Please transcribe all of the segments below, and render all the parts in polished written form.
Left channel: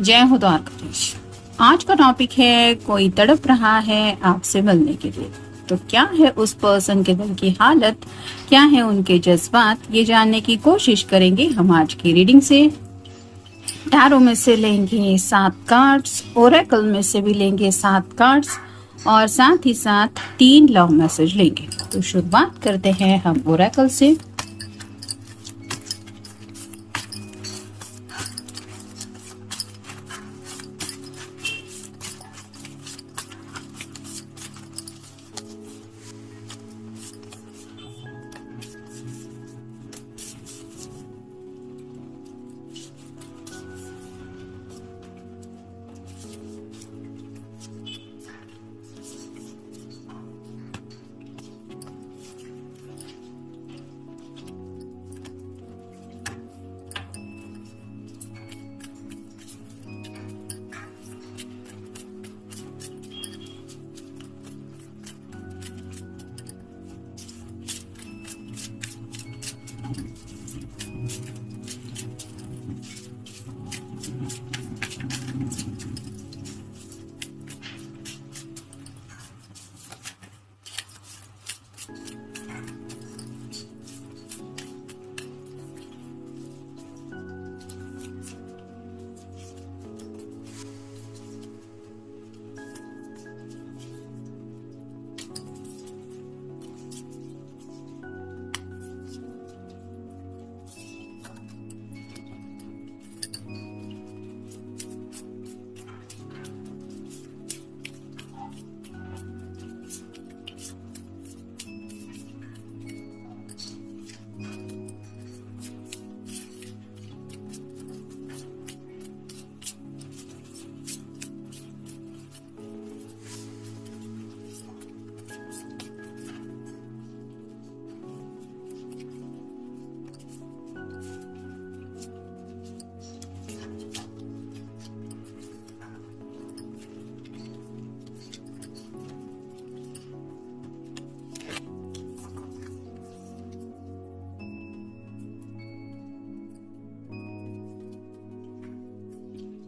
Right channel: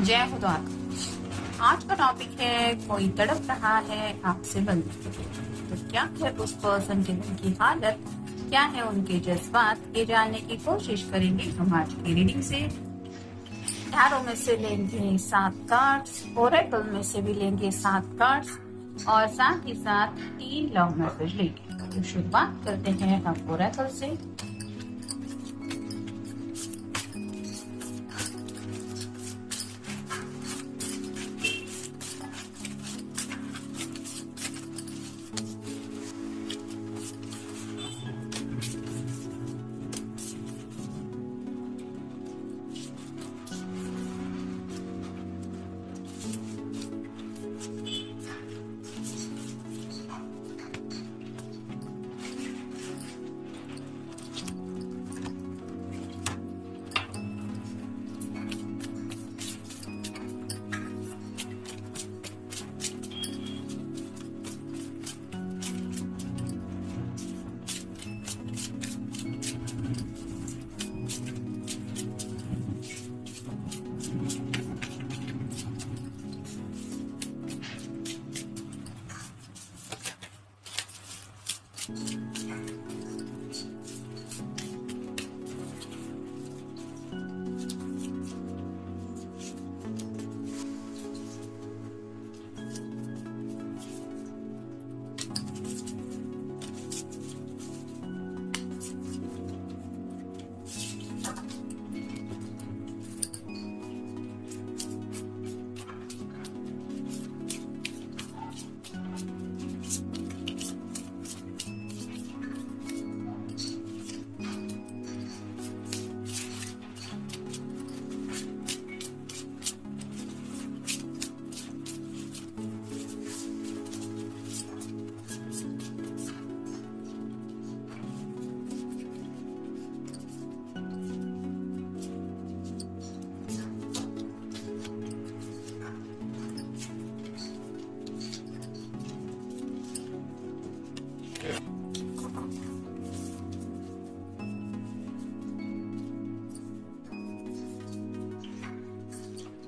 जय हो द्वारकाधीश। आज का टॉपिक है कोई तड़प रहा है आपसे मिलने के लिए। तो क्या है उस पर्सन के दिल की हालत, क्या है उनके जज्बात, ये जानने की कोशिश करेंगे हम आज की रीडिंग से। टैरो में से लेंगे 7 कार्ड्स, ओरेकल में से भी लेंगे 7 कार्ड्स और साथ ही साथ 3 लव मैसेज लेंगे। तो शुरुआत करते हैं हम ओरेकल से।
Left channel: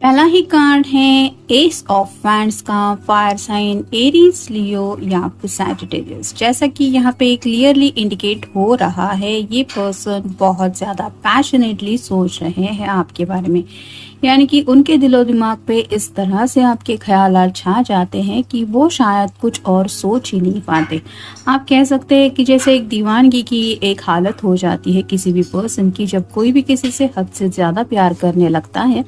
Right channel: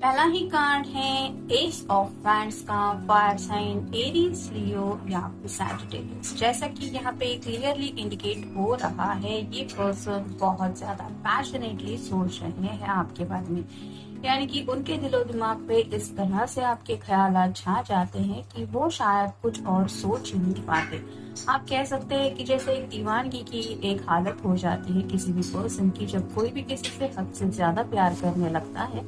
पहला ही कार्ड है एस ऑफ वैंड्स का, फायर साइन एरीज, लियो या फिर सैजिटेरियस। जैसा कि यहाँ पे क्लियरली इंडिकेट हो रहा है, ये पर्सन बहुत ज्यादा पैशनेटली सोच रहे हैं आपके बारे में। यानी कि उनके दिलो दिमाग पे इस तरह से आपके ख्यालात छा जाते हैं कि वो शायद कुछ और सोच ही नहीं पाते। आप कह सकते हैं कि जैसे एक दीवानगी की एक हालत हो जाती है किसी भी पर्सन की, जब कोई भी किसी से हद से ज़्यादा प्यार करने लगता है,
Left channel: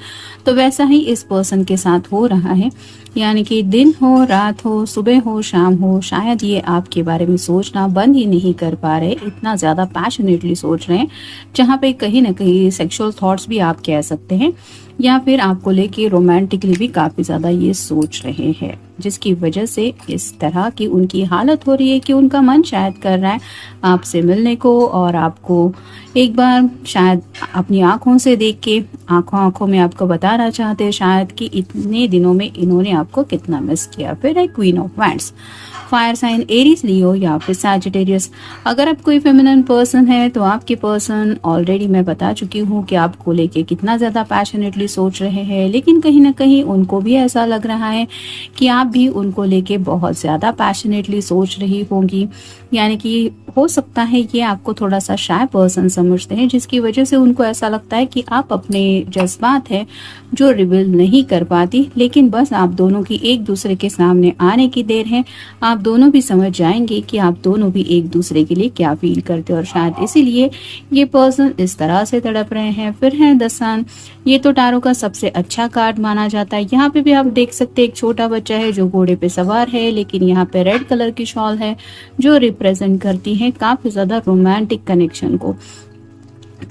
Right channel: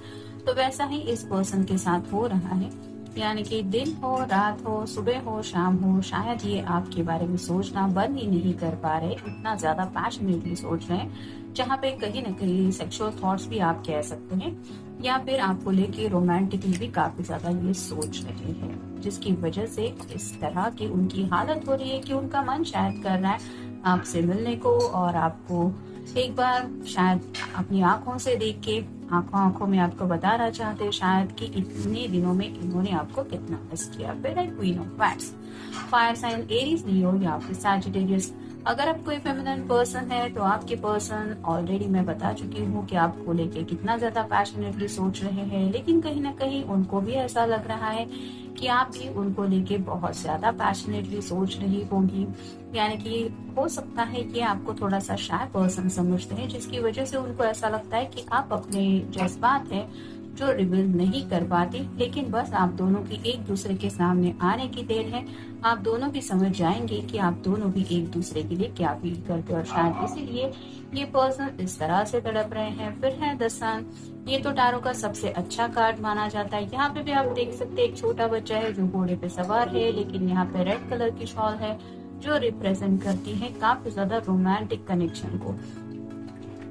तो वैसा ही इस पर्सन के साथ हो रहा है। यानी कि दिन हो, रात हो, सुबह हो, शाम हो, शायद ये आपके बारे में सोचना बंद ही नहीं कर पा रहे, इतना ज़्यादा पैशनेटली सोच रहे हैं, जहाँ पे कहीं ना कहीं सेक्सुअल थॉट्स भी आप कह सकते हैं, या फिर आपको लेके रोमांटिकली भी काफ़ी ज़्यादा ये सोच रहे हैं, जिसकी वजह से इस तरह की उनकी हालत हो रही है कि उनका मन शायद कर रहा है आपसे मिलने को और आपको एक बार शायद अपनी आंखों से देख के आंखों आंखों में आपको बताना चाहते हैं शायद कि इतने दिनों में इन्होंने आपको कितना मिस किया। फिर है queen of wands, fire sign Aries, Leo या फिर सैजिटेरियस। अगर आप कोई फेमिनिन पर्सन है तो आपके पर्सन ऑलरेडी मैं बता चुकी हूँ कि आपको लेके कितना ज़्यादा पैशनेटली सोच रहे हैं, लेकिन कहीं ना कहीं उनको भी ऐसा लग रहा है कि आप भी उनको लेके बहुत ज़्यादा पैशनेटली सोच रही होंगी। यानी कि हो सकता है ये आपको थोड़ा सा शाय पर्सन समझते हैं, जिसकी वजह से उनको ऐसा लगता है कि आप अपने जज्बात है जो रिवील नहीं कर पाती, लेकिन बस आप दोनों की एक दूसरे के सामने आने की देर है। आप दोनों भी समझ जाएंगे कि आप दोनों भी एक दूसरे के लिए क्या फील करते हो और शायद इसीलिए ये पर्सन इस तरह से तड़प रहे हैं। फिर है द सन, ये तो टारो का सबसे अच्छा कार्ड माना जाता है। यहाँ पे भी आप देख सकते हैं एक छोटा बच्चा है जो घोड़े पे सवार है, लेकिन यहाँ पे रेड कलर की शॉल है जो रिप्रेजेंट करती है काफी ज्यादा रोमांटिक कनेक्शन को।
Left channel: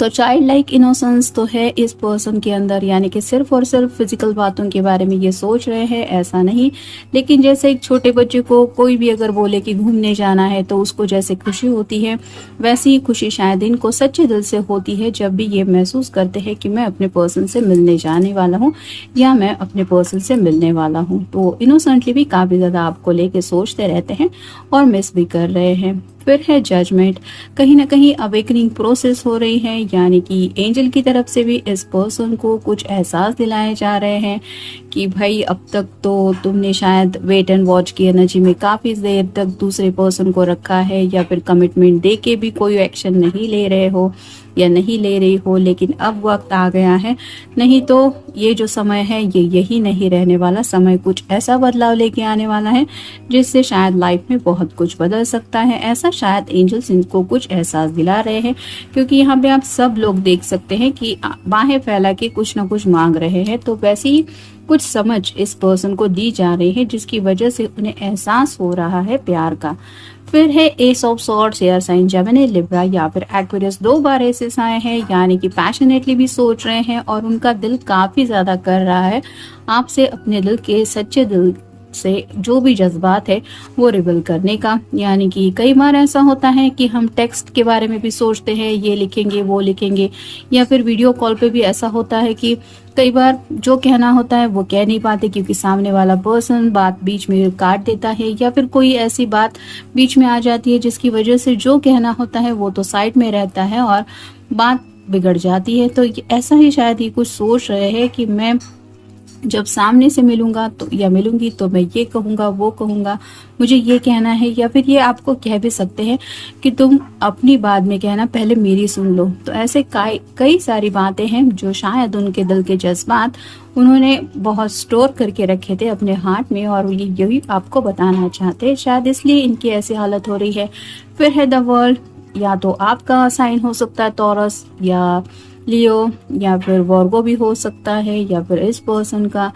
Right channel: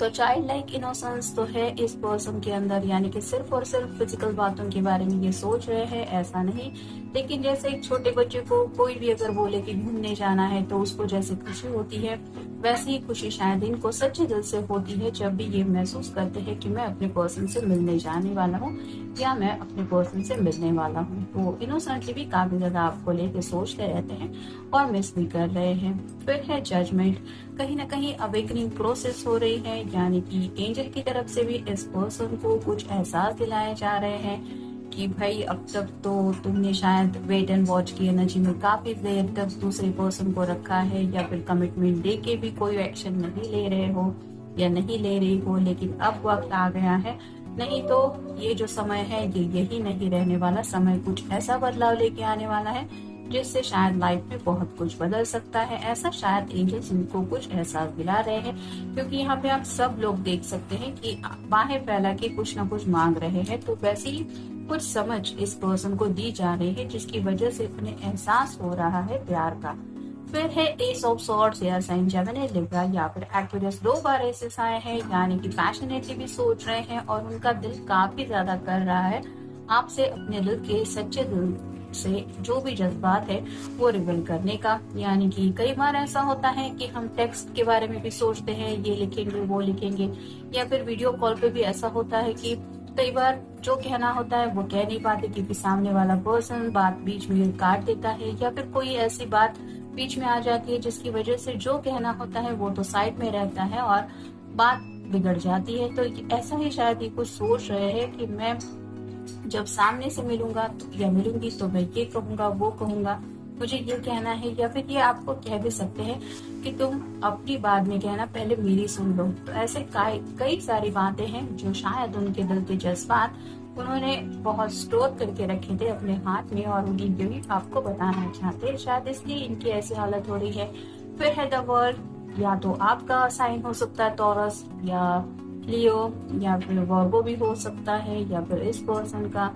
तो चाइल्ड लाइक इनोसेंस तो है इस पर्सन के अंदर, यानी कि सिर्फ और सिर्फ फिजिकल बातों के बारे में ये सोच रहे हैं ऐसा नहीं। लेकिन जैसे एक छोटे बच्चे को कोई भी अगर बोले कि घूमने जाना है तो उसको जैसे खुशी होती है, वैसी ही खुशी शायद इनको सच्चे दिल से होती है जब भी ये महसूस करते हैं कि मैं अपने पर्सन से मिलने जाने वाला हूँ या मैं अपने पर्सन से मिलने वाला हूँ। तो इनोसेंटली भी काफ़ी ज़्यादा आपको लेके सोचते रहते हैं और मिस भी कर रहे हैं। फिर है जजमेंट। कहीं ना कहीं अवेकनिंग प्रोसेस हो रही है, यानी कि एंजल की तरफ से भी इस पर्सन को कुछ एहसास दिलाए जा रहे हैं कि भाई अब तक तो तुमने शायद वेट एंड वॉच की एनर्जी में काफ़ी देर तक दूसरे पर्सन को रखा है, या फिर कमिटमेंट दे के भी कोई एक्शन नहीं ले रहे हो या नहीं ले रही हो, लेकिन अब वक्त आ गया है। नहीं तो ये जो समय है ये यही नहीं रहने वाला, समय कुछ ऐसा बदलाव लेके आने वाला है जिससे शायद लाइफ में बहुत कुछ बदल सकता है। ऐसा शायद एंजल्स इनको कुछ एहसास दिला रहे हैं, क्योंकि यहाँ पे आप सब लोग देख सकते हैं कि बाहें फैला के कुछ ना कुछ मांग रहे हैं। तो वैसे ही कुछ समझ इस पर्सन को दी जा रही है जिसकी वजह से उन्हें एहसास हो रहा है प्यार का। फिर है ace of swords, air sign Gemini, Libra या फिर एक्वेरियस। 2 बार एसेस आए हैं, यानी कि पैशनेटली भी सोच रहे हैं और उनका दिल काफी ज्यादा कर रहा है आपसे, अपने दिल के सच्चे दिल से जो भी जज्बात है वो रिवील करने का। यानी कि कई बार ऐसा होता है कि हम टेक्स्ट के बारे में भी सोचते हैं, ये लिखेंगे वो लिखेंगे, या फिर वीडियो कॉल पे भी ऐसा होता है कि कई बार जो कहना होता है वो कह नहीं पाते क्योंकि सामने वाला पर्सन बात बीच में काट देता है, या फिर कोई ऐसी बात बीच में आ जाती है जिसकी वजह से जो कहना होता है वो तो साइड में रहता है और बात बिगड़ जाती है। तो ऐसा ही शायद ये कुछ सोच रहे हैं कि मैं जब सामने से मिलूंगा तो या मिलूंगी तो मैं ये कहूंगा वो कहूंगा, मुझे ये कहना है, या फिर ये आपको कह भी सकते हैं कि तुम अपनी बाद में कहना, पहले मेरी सुन लो। तो ऐसे कई सारी बातें हैं जो शायद उनके दिल के जज्बात उन्होंने बहुत स्टोर करके रखे थे अपने हार्ट में और यही आपको बताना चाहते हैं, शायद इसलिए इनकी ऐसी हालत हो रही है। फिर है द वर्ल्ड, या तो आपका साइन हो सकता है टॉरस या लियो, या फिर वर्गो भी हो सकता है, या फिर इस पर्सन का।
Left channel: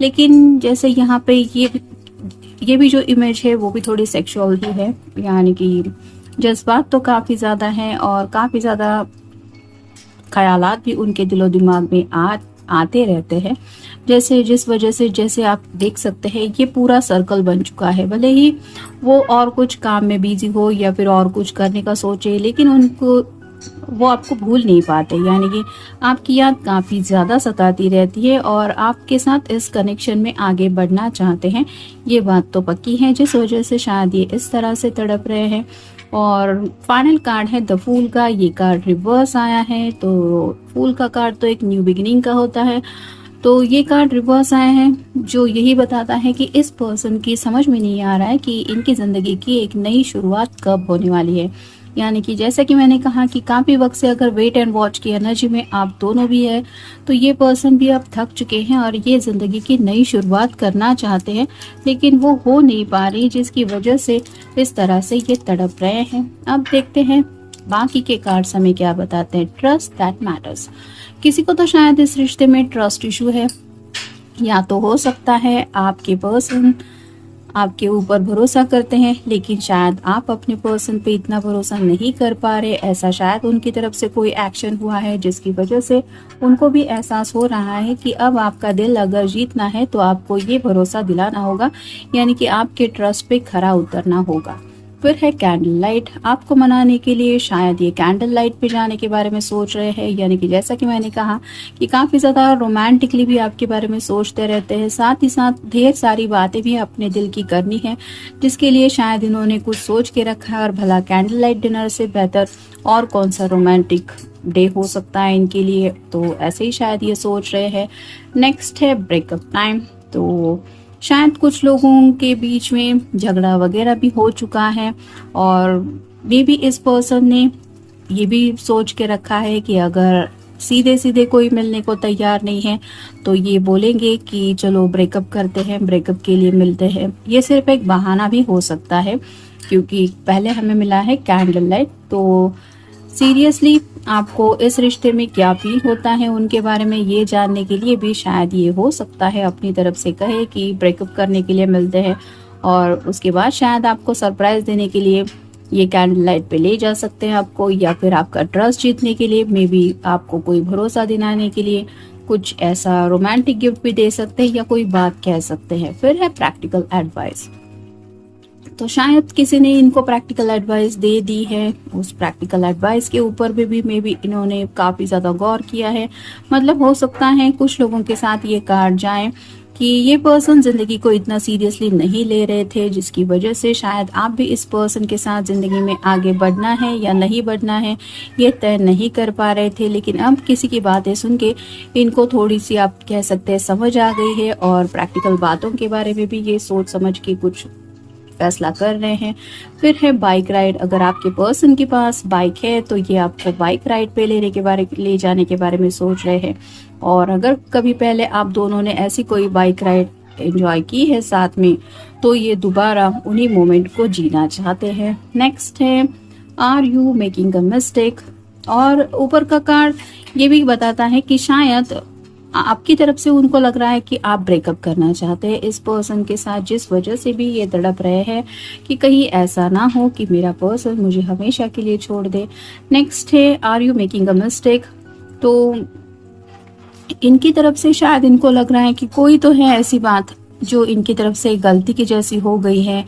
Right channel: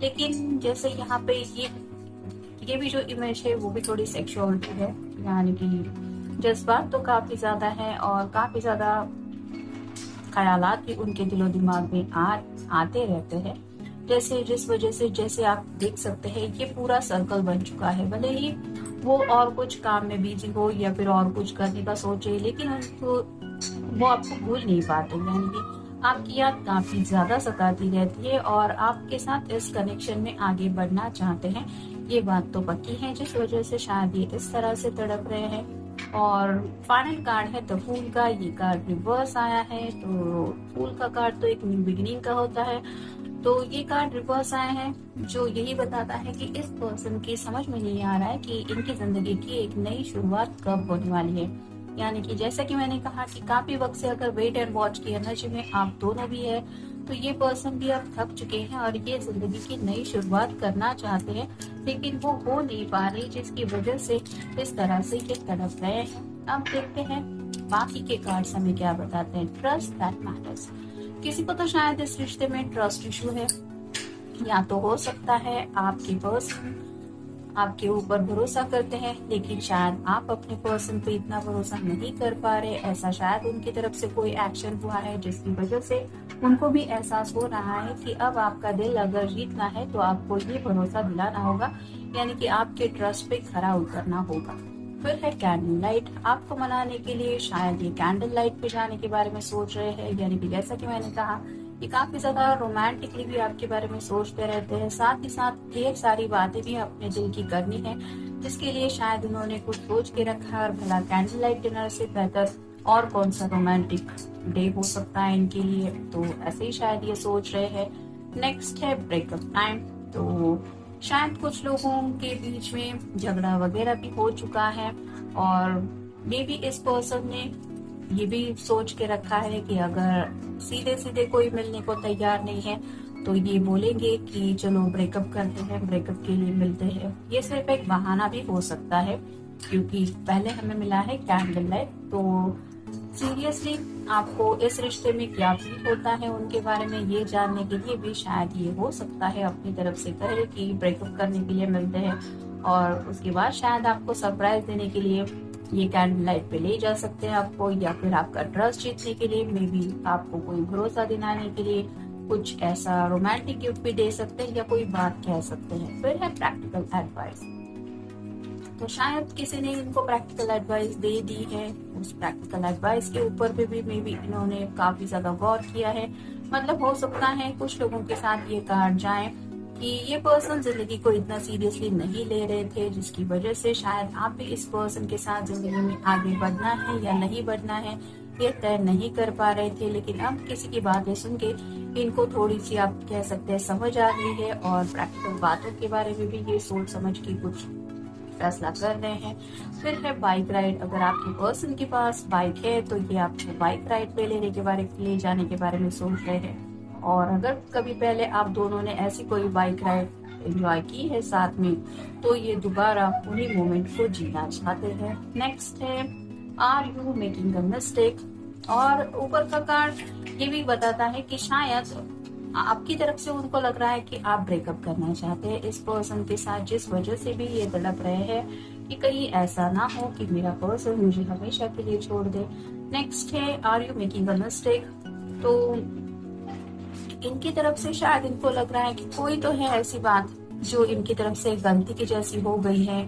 लेकिन जैसे यहाँ पे ये भी जो इमेज है वो भी थोड़ी सेक्सुअल ही है, यानी कि जज्बात तो काफ़ी ज़्यादा हैं और काफ़ी ज़्यादा ख्यालात भी उनके दिलो दिमाग में आते रहते हैं। जैसे जिस वजह से जैसे आप देख सकते हैं ये पूरा सर्कल बन चुका है, भले ही वो और कुछ काम में बिजी हो या फिर और कुछ करने का सोचे, लेकिन उनको वो आपको भूल नहीं पाते, यानी कि आपकी याद काफ़ी ज़्यादा सताती रहती है और आपके साथ इस कनेक्शन में आगे बढ़ना चाहते हैं, ये बात तो पक्की है, जिस वजह से शायद ये इस तरह से तड़प रहे हैं। और फाइनल कार्ड है द फूल का, ये कार्ड रिवर्स आया है। तो फूल का कार्ड तो एक न्यू बिगिनिंग का होता है, तो ये कार्ड रिवर्स आया है जो यही बताता है कि इस पर्सन की समझ में नहीं आ रहा है कि इनकी ज़िंदगी की एक नई शुरुआत कब होने वाली है। यानी कि जैसा कि मैंने कहा कि काफ़ी वक्त से अगर वेट एंड वॉच की एनर्जी में आप दोनों भी है, तो ये पर्सन भी अब थक चुके हैं और ये ज़िंदगी की नई शुरुआत करना चाहते हैं, लेकिन वो हो नहीं पा रही, जिसकी वजह से इस तरह से ये तड़प रहे हैं। अब देखते हैं बाकी के कार्ड्स हमें क्या बताते हैं। ट्रस्ट दैट मैटर्स, किसी को तो शायद इस रिश्ते में ट्रस्ट इशू है, या तो हो सकता है आपके पर्सन आपके ऊपर भरोसा करते हैं लेकिन शायद आप अपने पर्सन पे इतना भरोसा नहीं कर पा रहे। ऐसा शायद उनकी तरफ से कोई एक्शन हुआ है जिसकी वजह से उनको भी एहसास हो रहा है कि अब आपका दिल अगर जीतना है तो आपको ये भरोसा दिलाना होगा, यानी कि आपके ट्रस्ट पे खरा उतरना होगा। फिर है कैंडल लाइट, आपको मनाने के लिए शायद ये कैंडल लाइट पे जाने के बारे में सोच रहे हैं, यानी कि जैसा कि मैंने कहा कि काफ़ी ज़्यादा रोमांटिकली भी आपके बारे में सोचते रहते हैं, साथ ही साथ ढेर सारी बातें भी अपने दिल की करनी है, जिसके लिए शायद इन्होंने कुछ सोच के रखा है। और भला कैंडल लाइट डिनर से बेहतर और कौन सा रोमांटिक डे हो सकता है इनके लिए, तो ऐसे ही शायद ये सोच रहे हैं। नेक्स्ट है ब्रेकअप टाइम, तो शायद कुछ लोगों के बीच में झगड़ा वगैरह भी हो चुका है और मे बी इस पर्सन ने ये भी सोच के रखा है कि अगर सीधे सीधे कोई मिलने को तैयार नहीं है तो ये बोलेंगे कि चलो ब्रेकअप करते हैं, ब्रेकअप के लिए मिलते हैं। ये सिर्फ एक बहाना भी हो सकता है क्योंकि पहले हमें मिला है कैंडल लाइट। तो सीरियसली आपको इस रिश्ते में क्या फील होता है उनके बारे में ये जानने के लिए भी शायद ये हो सकता है अपनी तरफ से कहे कि ब्रेकअप करने के लिए मिलते हैं, और उसके बाद शायद आपको सरप्राइज देने के लिए ये कैंडल लाइट पे ले जा सकते हैं आपको, या फिर आपका ट्रस्ट जीतने के लिए, मे बी आपको कोई भरोसा दिलाने के लिए कुछ ऐसा रोमांटिक गिफ्ट भी दे सकते हैं या कोई बात कह सकते हैं। फिर है प्रैक्टिकल एडवाइस, तो शायद किसी ने इनको प्रैक्टिकल एडवाइस दे दी है, उस प्रैक्टिकल एडवाइस के ऊपर भी मे बी इन्होंने काफ़ी ज़्यादा गौर किया है। मतलब हो सकता है कुछ लोगों के साथ ये कार्ड जाए कि ये पर्सन जिंदगी को इतना सीरियसली नहीं ले रहे थे, जिसकी वजह से शायद आप भी इस पर्सन के साथ जिंदगी में आगे बढ़ना है या नहीं बढ़ना है ये तय नहीं कर पा रहे थे। लेकिन अब किसी की बातें सुन के इनको थोड़ी सी आप कह सकते हैं समझ आ गई है और प्रैक्टिकल बातों के बारे में भी ये सोच समझ के कुछ फैसला कर रहे हैं। फिर है बाइक राइड। अगर आपके पर्सन के पास बाइक है तो ये आपको बाइक राइड पे ले जाने के बारे में सोच रहे हैं। और अगर कभी पहले आप दोनों ने ऐसी कोई बाइक राइड एंजॉय की है साथ में तो ये दोबारा उन्हीं मोमेंट को जीना चाहते हैं। नेक्स्ट है are you making a mistake. और ऊपर का कार्ड ये भी बताता है कि शायद आपकी तरफ से उनको लग रहा है कि आप ब्रेकअप करना चाहते हैं इस पर्सन के साथ, जिस वजह से भी ये तड़प रहे हैं कि कहीं ऐसा ना हो कि मेरा पर्सन मुझे हमेशा के लिए छोड़ दे। नेक्स्ट है are you making a mistake. तो इनकी तरफ से शायद इनको लग रहा है कि कोई तो है ऐसी बात जो इनकी तरफ से गलती की जैसी हो गई है।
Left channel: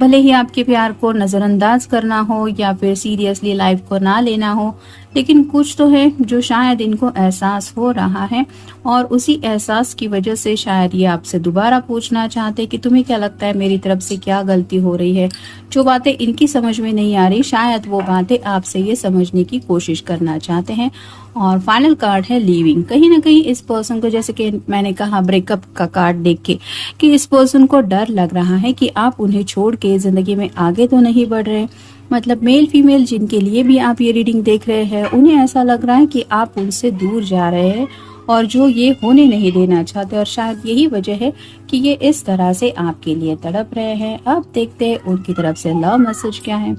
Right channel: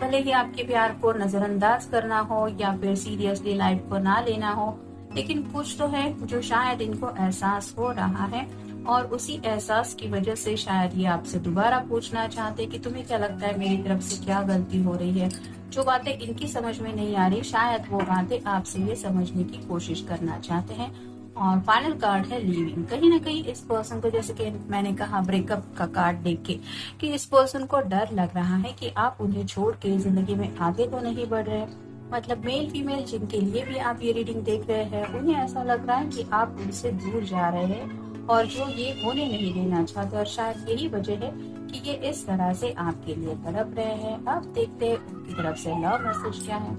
भले ही आपके प्यार को नज़रअंदाज करना हो या फिर सीरियसली लाइफ को ना लेना हो, लेकिन कुछ तो है जो शायद इनको एहसास हो रहा है और उसी एहसास की वजह से शायद ये आपसे दोबारा पूछना चाहते हैं कि तुम्हें क्या लगता है मेरी तरफ से क्या गलती हो रही है। जो बातें इनकी समझ में नहीं आ रही शायद वो बातें आपसे ये समझने की कोशिश करना चाहते हैं। और फाइनल कार्ड है लीविंग। कहीं ना कहीं इस पर्सन को, जैसे कि मैंने कहा ब्रेकअप का कार्ड देख के, कि इस पर्सन को डर लग रहा है कि आप उन्हें छोड़ के जिंदगी में आगे तो नहीं बढ़ रहे। मतलब मेल फीमेल जिनके लिए भी आप ये रीडिंग देख रहे हैं उन्हें ऐसा लग रहा है कि आप उनसे दूर जा रहे हैं और जो ये होने नहीं देना चाहते। और शायद यही वजह है कि ये इस तरह से आपके लिए तड़प रहे हैं। अब देखते हैं उनकी तरफ से लव मैसेज क्या है।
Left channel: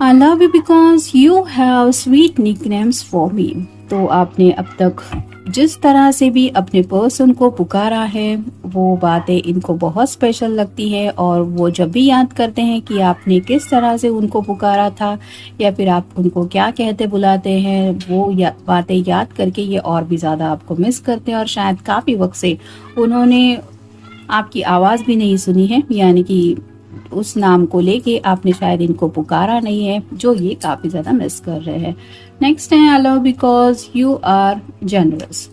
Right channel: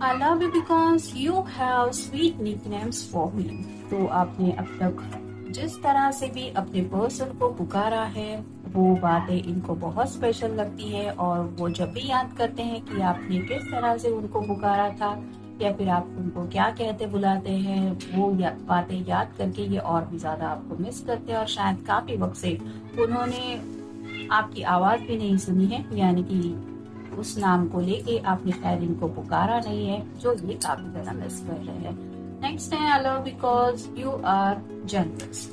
I love you because you have sweet nicknames for me। तो आपने अब तक जिस तरह से भी अपने पर्सन को पुकारा है वो बातें इनको बहुत स्पेशल लगती है और वो जब भी याद करते हैं कि आपने किस तरह से उनको पुकारा था या फिर आप उनको क्या कहते बुलाते हैं, वो बातें याद करके ये और भी ज़्यादा आपको मिस करते हैं। और शायद काफ़ी वक्त से उन्होंने आपकी आवाज़ भी नहीं सुनी है, यानी कि उस नाम को लेके आपने शायद इनको पुकारा नहीं है, जो ये काफी ज्यादा मिस कर रहे हैं। नेक्स्ट है I love because you are generous.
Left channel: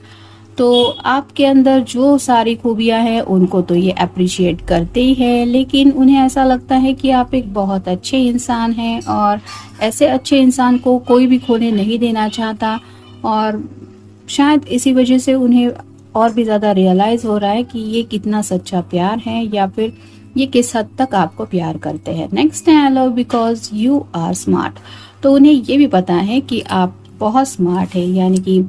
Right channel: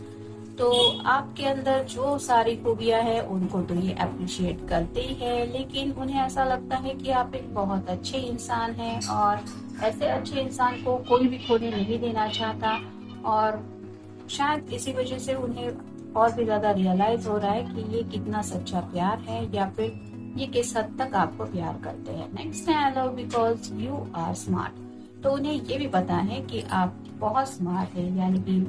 तो आपके अंदर जो सारी खूबियां हैं उनको तो ये अप्रिशिएट करते ही है, लेकिन उन्हें ऐसा लगता है कि आप एक बहुत अच्छे इंसान हैं और ऐसे अच्छे इंसान को कोई भी खोने नहीं देना चाहता। और शायद इसी वजह से उन्हें और भी ज्यादा रियलाइज हो रहा है कि ये कितना सच्चा प्यार है या फिर ये किस हद तक आपको प्यार करते हैं। नेक्स्ट है I love because you are smart. तो उन्हें ये भी पता है कि आप बहुत स्मार्ट है, यानी कि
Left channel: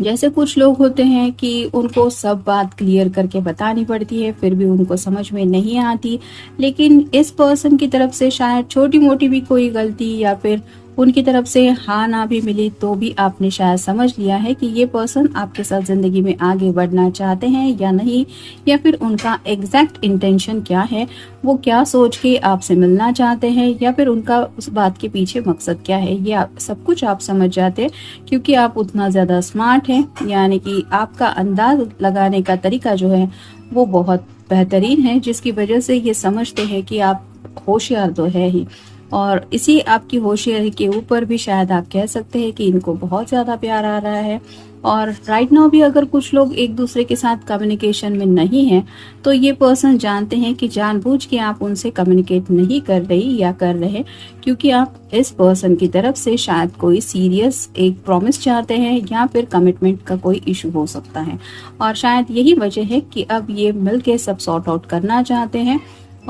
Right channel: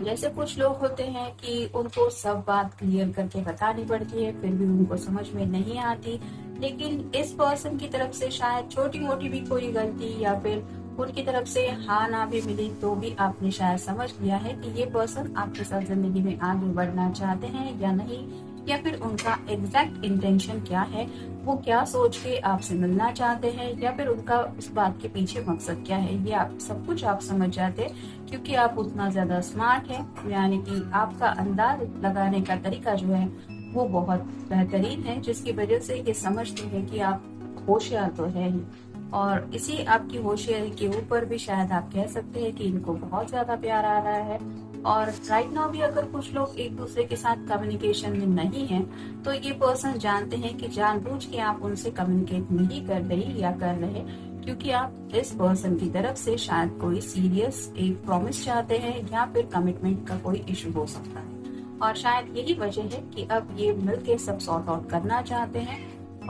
जैसे कुछ लोग होते हैं कि उनको सब बात क्लियर करके बतानी पड़ती है फिर भी उनको समझ में नहीं आती, लेकिन इस पर्सन की तरफ से शायद छोटी मोटी भी कोई गलती या फिर उनकी तरफ से हाँ ना भी मिली तो भी आपने शायद समझ लिया है कि ये पर्सन आपके साथ जिंदगी में आगे बढ़ना चाहते हैं या नहीं, या फिर उनका एग्जैक्ट इंटेंशन क्या है, वो क्या सोच के आपसे मिलना चाहते हैं या फिर उनका उस बात के पीछे मकसद क्या है, ये सब कुछ आप समझ जाते हैं क्योंकि आप उतना ज्यादा स्मार्ट हैं। यानी कि आपका अंदाज लगाने का तरीका जो है वो बहुत बेहतरीन है, जिसकी वजह से ये समझते हैं कि आप होशियार तो है ही। और इसी आपकी होशियारी के ऊपर भी शायद आप कह सकते हैं कि इनको बहुत ज़्यादा प्यार आ रहा है। और राइट नाउ भी अगर कुछ लोग एक दूसरे के साथ कम्युनिकेशन में नहीं हैं तो ये पर्सन जानते हैं कि जानबूझ के आप उनसे कम्युनिकेट नहीं कर रही या कर रहे, क्योंकि आप इस पर्सन की तरफ से शायद कोई सीरियस एक प्रॉमिस चाहते हैं या फिर कमिटमेंट का कोई इशू हो सकता है। और शायद यही वजह है कि अब ये मिल के सब सॉर्ट आउट करना चाहते हैं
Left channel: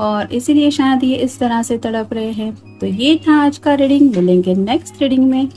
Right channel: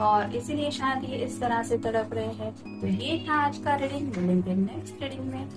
और इसीलिए शायद ये इस तरह से तड़प रहे हैं। तो ये था आज का रीडिंग। मिलेंगे नेक्स्ट रीडिंग में।